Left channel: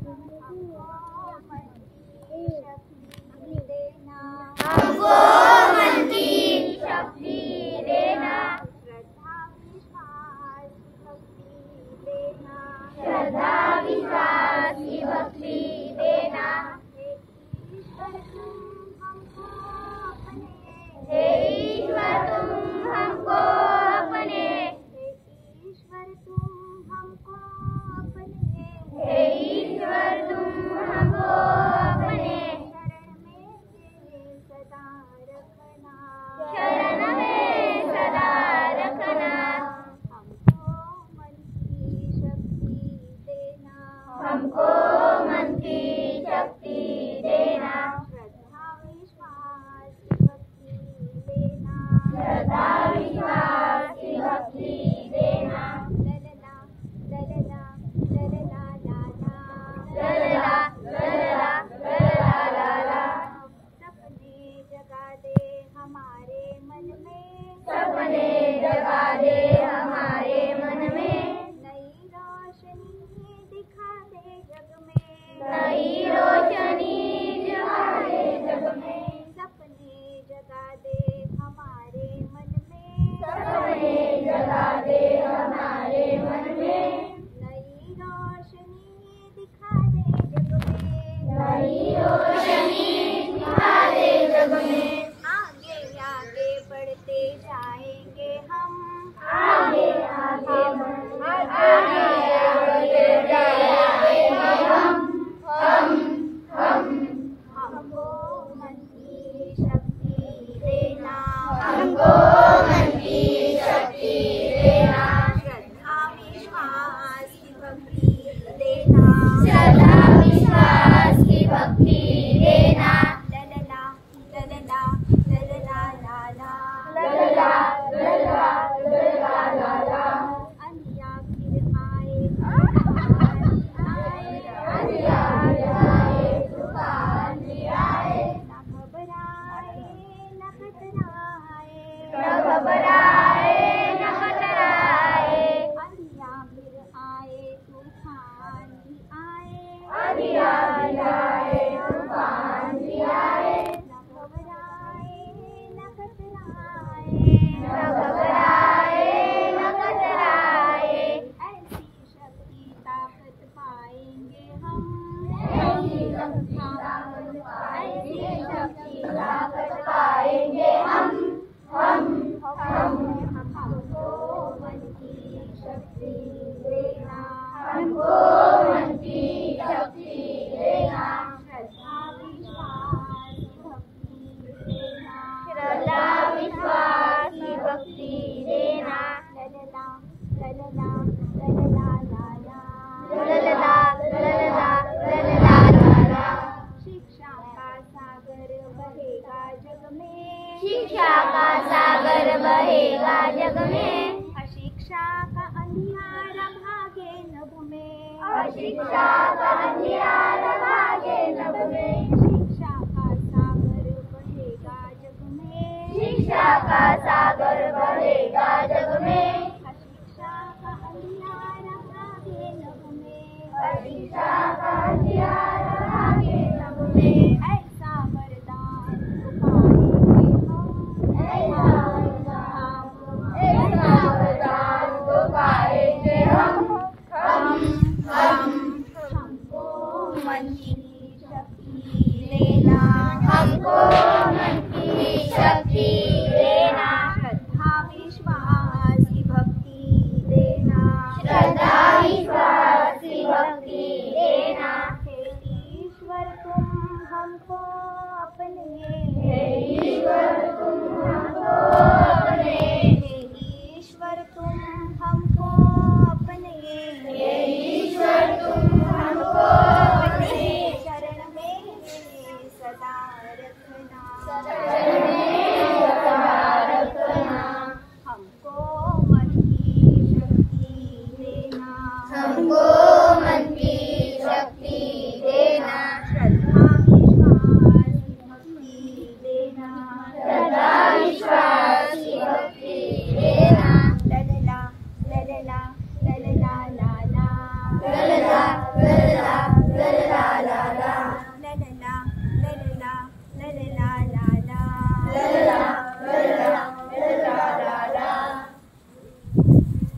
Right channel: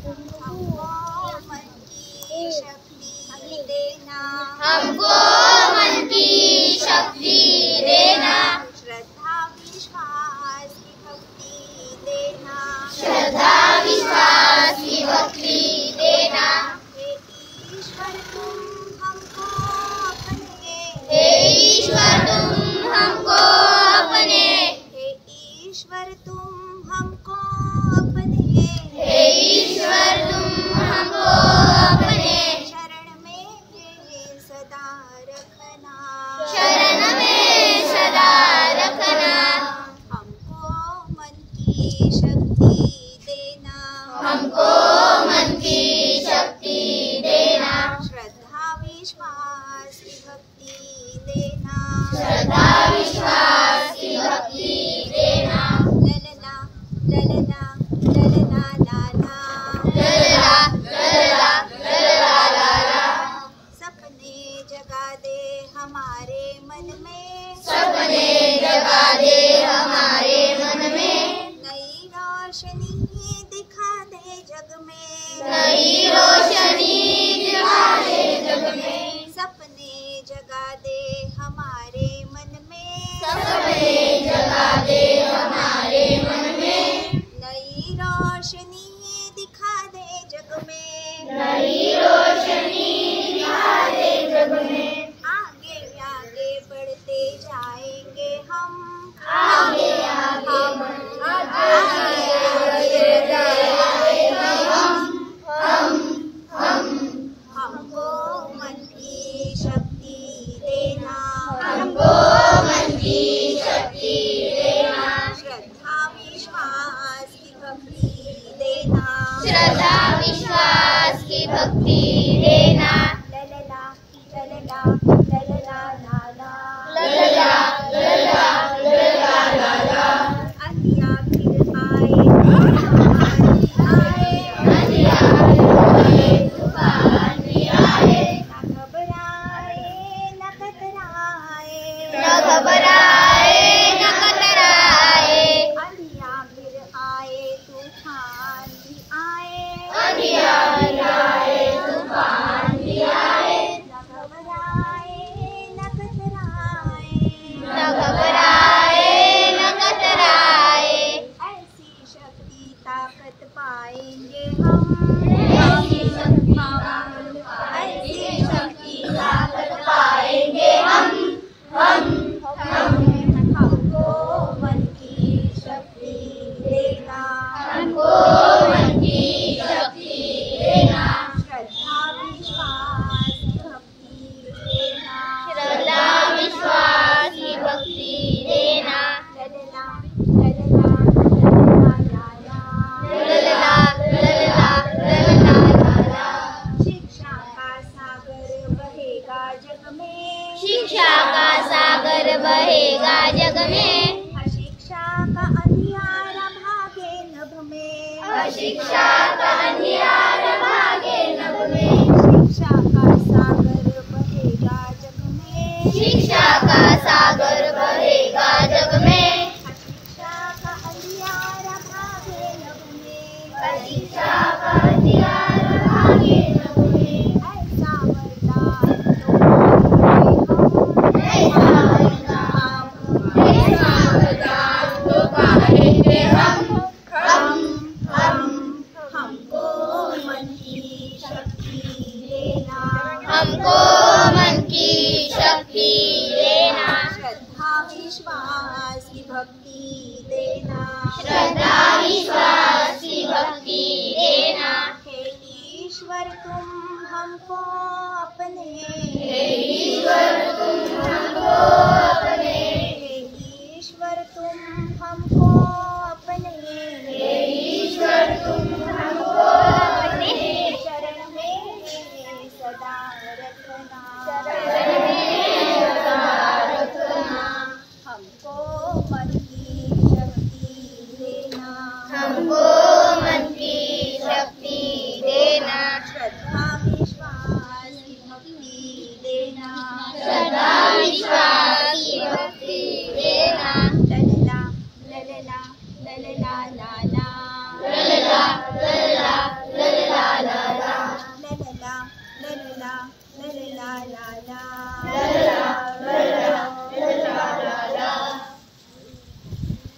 हमको मन की शक्ति देना, हमको मन की शक्ति देना, श्रद्धा विश्वास की भक्ति देना, श्रद्धा विश्वास की भक्ति देना। हे ईश्वर तुम हमको अपने, हे ईश्वर तुम हमको अपने, हे ईश्वर तुम हमको अपने, हे ईश्वर तुम हमको अपने, शरण में सदा रखना, शरण में सदा रखना। हमको मन की शक्ति देना, हमको मन की शक्ति देना, श्रद्धा विश्वास की भक्ति देना, श्रद्धा विश्वास की भक्ति देना। ललना ललना ललना लाला, ललला ललला ललला लाला, सपने जगा दे हमारे मन में, सपने जगा दे हमारे मन में, नई रोशनी दिखा दे जग में, नई रोशनी दिखा दे जग में, सपने जगा दे हमारे मन में, सपने जगा दे हमारे मन में, नई रोशनी दिखा दे जग में, नई रोशनी दिखा दे जग में। आगे आगे बढ़ते जाएंगे हम, आगे आगे आगे बढ़ते जाएंगे हम हमको मन की शक्ति देना, हमको मन की शक्ति देना, श्रद्धा विश्वास की भक्ति देना, श्रद्धा विश्वास की भक्ति देना। ललला ललला ललला लाला, ललला ललला ललला लाला, अंधिया फिर आए तूफान आए, अंधिया आए तूफान भी आए, न घबराए न कतराए, न घबराए न कतराए, अंधिया फिर आए तूफान भी आए, अंधिया भी आए तूफान भी आए, न घबराए न कतराए, न घबराए न कतराए। ऐसी शक्ति ताकत पाएंगे हम, ऐसी शक्ति ताकत ऐसी शक्ति ताकत पाएंगे हम हमको मन की शक्ति देना, हमको मन की शक्ति देना, श्रद्धा विश्वास की भक्ति देना, श्रद्धा विश्वास की भक्ति देना, ललला ललला ललला लाला, ललला ललला ललला लाला, शिक्षा का सागर बहेगा जग में, शिक्षा का सागर बहेगा जग में, अशिक्षा का अंधियारा भागे नभ में, अशिक्षा का अंधियारा भागे नभ में, शिक्षा का सागर बहेगा जग में, शिक्षा का सागर बहेगा जग में, अशिक्षा का अंधियारा भागे नभ में, अशिक्षा का अंधियारा भागे नभ में, ऐसा वरदान तो पाएंगे ऐसा वरदान तो पाएंगे हम हमको मन की शक्ति देना, हमको मन की शक्ति देना, श्रद्धा विश्वास की भक्ति देना, श्रद्धा विश्वास की भक्ति देना। हे ईश्वर तुम हमको